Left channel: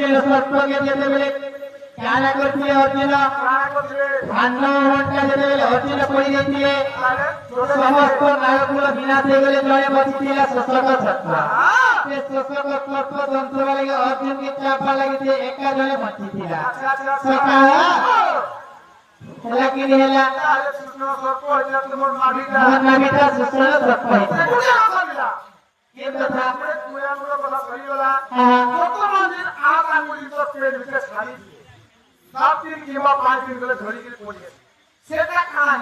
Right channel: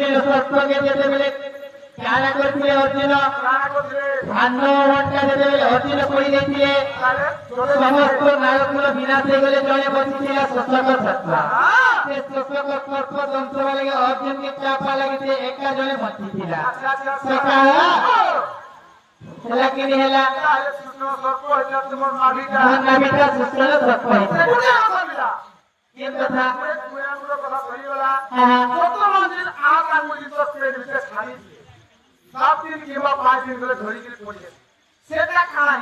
ଶସ୍ତ୍ରକେ ଯେତେବେଳେ କାଣା କରିଥିଲେ ଅର୍ଜୁନ ଭାଣ୍ଡବଟା ଯେତେବେଳେ ଅର୍ଜୁନ କରିଦେଇଥିଲେ ସମସ୍ତ ନାୟକର ବିନାଶ ହେଇଗଲେ ଜଣେ ବସିଥିଲା ଶୋଷକ ଛତ୍ର ସେ ଶୋଷକ ଛତ୍ର ଯନ୍ତ୍ର ଲାଗି ଅର୍ଜୁନকে ଚାପା ଲାଗିছে ଏକା ଜଣେ ବଞ୍ଚିଥିଲା ସକାଳ ହେଲା କି ହେଲା ନାଭିଟା ଶୋଷଣ ସତ୍ୟ ହେଇଥିଲା ये तो था सात दिन की 5 दिन में धोरी की कोई से क्या खाना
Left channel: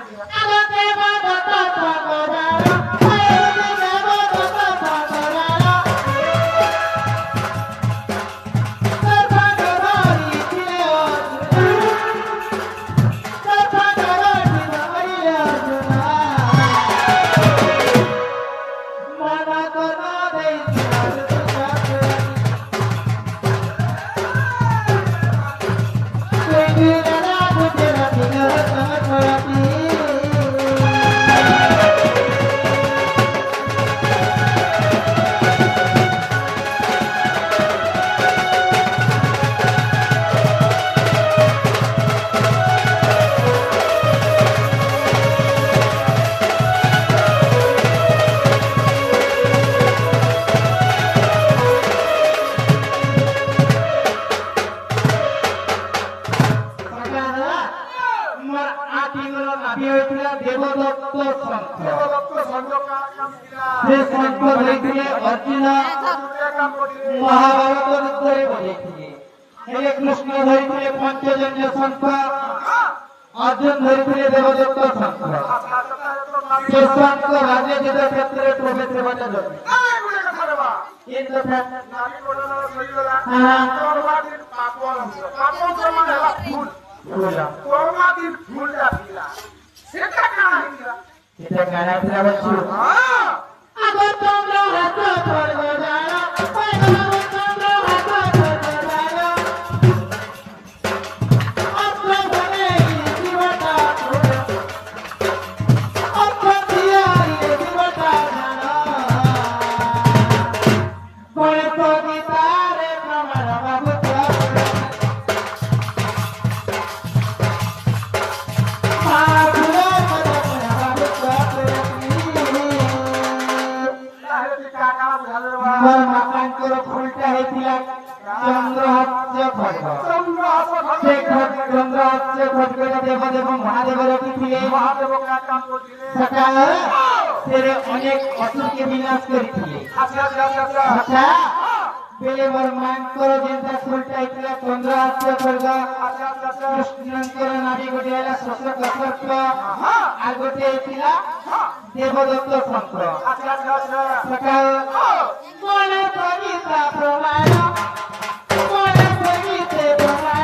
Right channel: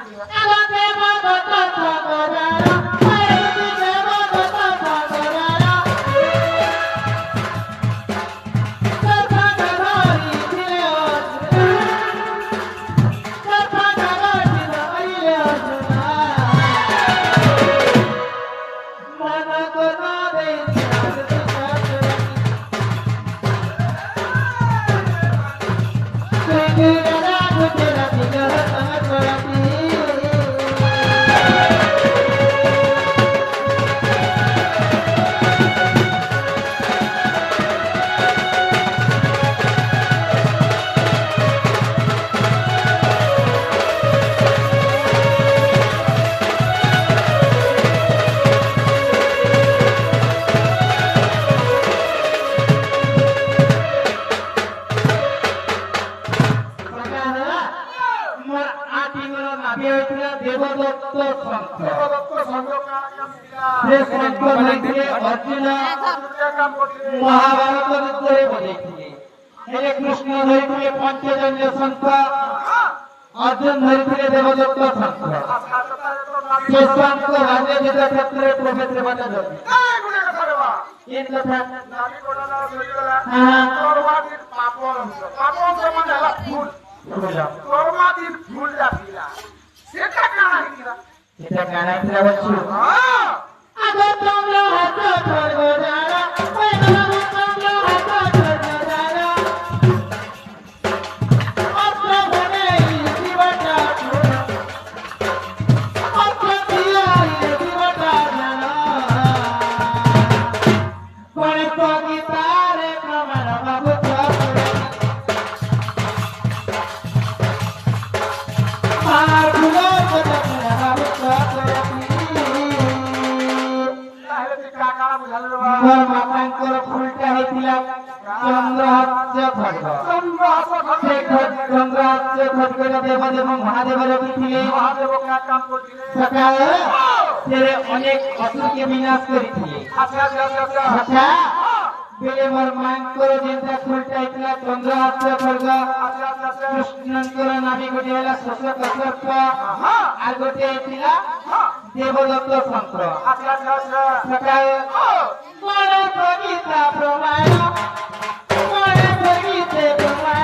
महाभारत युद्धरे बजेथिले हेले कृष्ण धरिथिले पंचजन्य संत अर्जुन धरिथिले देवदत्त संत से संत राज्य युद्ध क्षेत्रे प्रवेश बाटे जति ये कथा हां तोरवादी पापन समान हला फूल तोरवादी फूल जातिला सेटा काना हिला बच्चू हां अगर तुमरा हाथ छोड़ दो जाना तेरे अनेक असुर के विनाश करिथिले अच्छा बेले मोर मांकर जेंता फुलटा इतला चंद्र हास्य खड्ग कृष्णंकर नाडी गोटेला शस्त्र कत्रत्व आ गोटे इतला देवदत्त संत सकाळ कोण कविता प्रमाण कोण कविते प्रमाण